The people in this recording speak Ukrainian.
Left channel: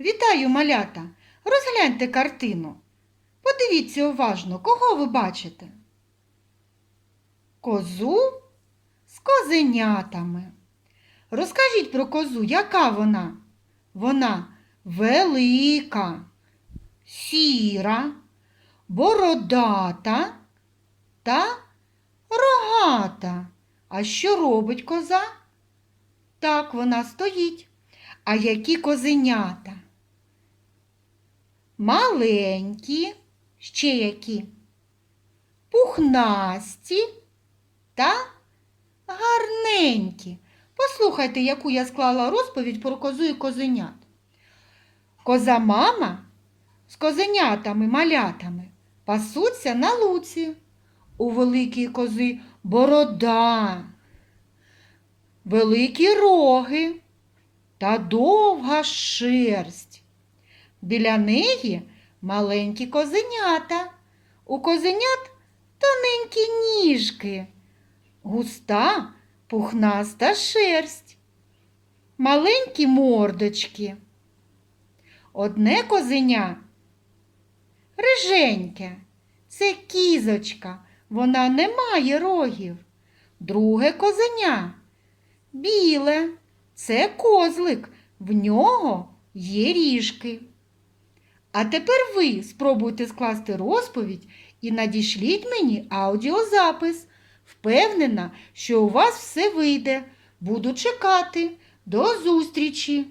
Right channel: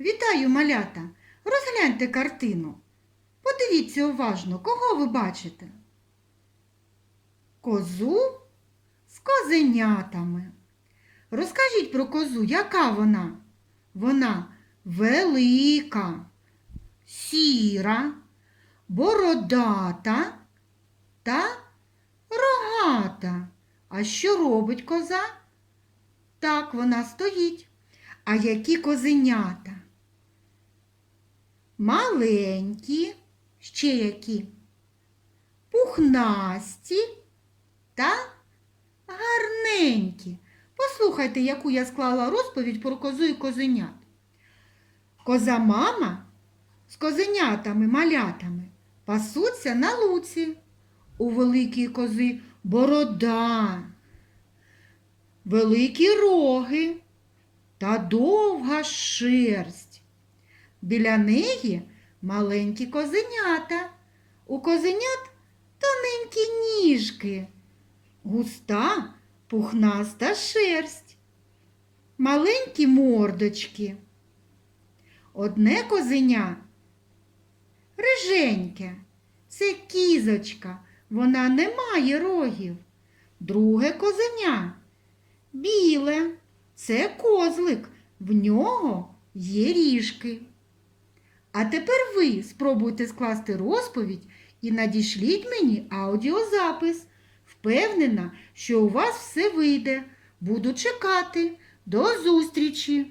Вітаю, малята! Розгляньте картину. Подивіться уважно, кого ви бачите? Козу з козенятами. Розкажіть про козу, яка вона? Вона велика, сіра, бородата та рогата. А що робить коза? Так вона стоїть. А які козенята? Маленькі, ще які? Пухнасті та гарненькі. Послухайте, яку я склала розповідь про козу і козенят. Коза мама з козенятами, малятами пасуться на луці. У великій кози борода, великі роги та довга шерсть. Біля неї маленькі козенята. У козенят тоненькі ніжки, густа пухнаста шерсть, маленькі мордочки. Одне козеня риженьке, це кізочка, вона не має рогів. Друге козеня біле, це козлик, в нього є ріжки. А тепер ви спробуйте скласти розповідь і надішліть мені аудіозапис. Впевнена, що у вас все вийде. Буду чекати. До зустрічі!